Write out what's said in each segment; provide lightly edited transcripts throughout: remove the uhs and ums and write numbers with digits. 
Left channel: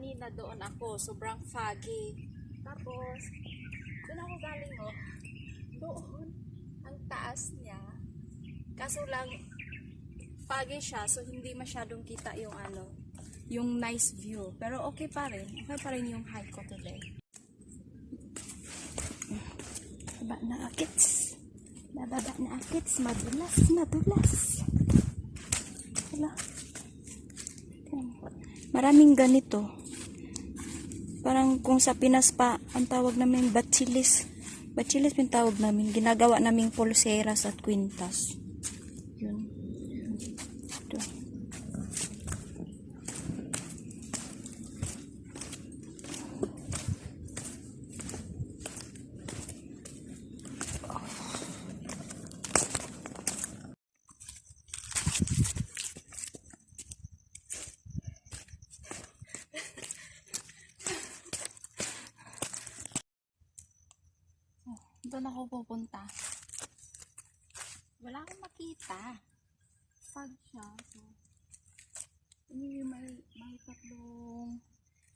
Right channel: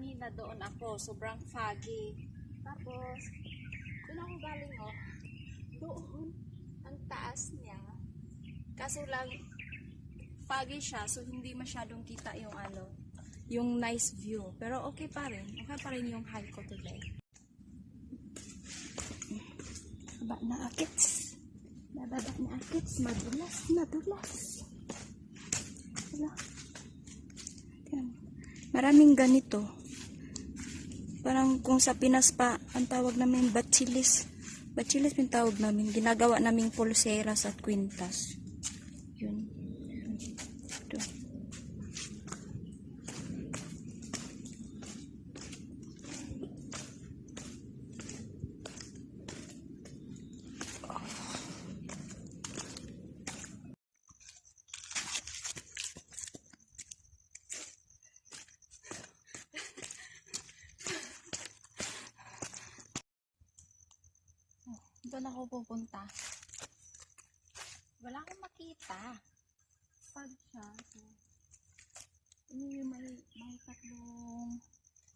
kanina doon ako, sobrang foggy. Tapos, doon ako galing doon, ang taas niya. Kaso lang, foggy siya, so hindi masyadong kita yung yung nice view. Pero okay pa rin yung hike ko today. Baba na akits. Bababa na akits, madulas. Hala. Maraming ganito. Parang kung sa Pinas pa, ang tawag namin bachilis. Bachilis yung tawag namin. Ginagawa naming pulseras at kwintas. Yun. Ito. Doon ako pupunta. Wala akong makita. Fog siya. So, may tatlong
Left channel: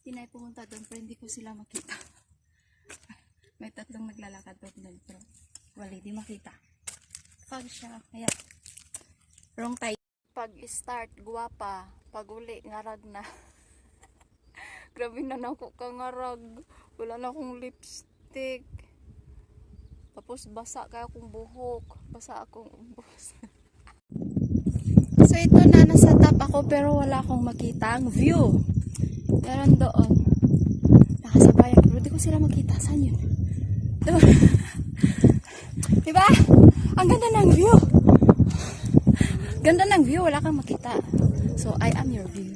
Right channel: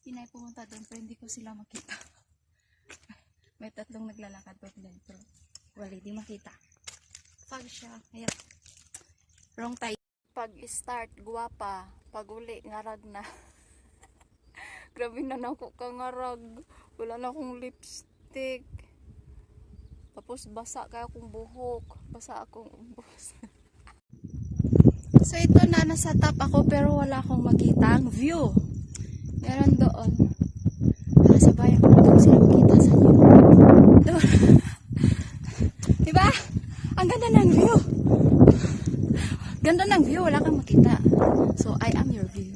Pinay pumunta doon pero hindi ko sila makita. May tatlong naglalakad doon pero wala, di makita. Fog siya. Kaya, wrong time. Pag start, guwapa. Pag uli, ngarag na. Grabe na ako kangarag. Wala na akong lipstick. Tapos basa kaya akong buhok. Basa akong ubos. So ito na, nasa top ako pero wala akong makita ang view. Meron doon. Nasa bayan ko. Hindi ko sila makita. Saan yun? Doon. Diba? Ang ganda ng view. Ganda ng view. Wala kang makita. So I am your view.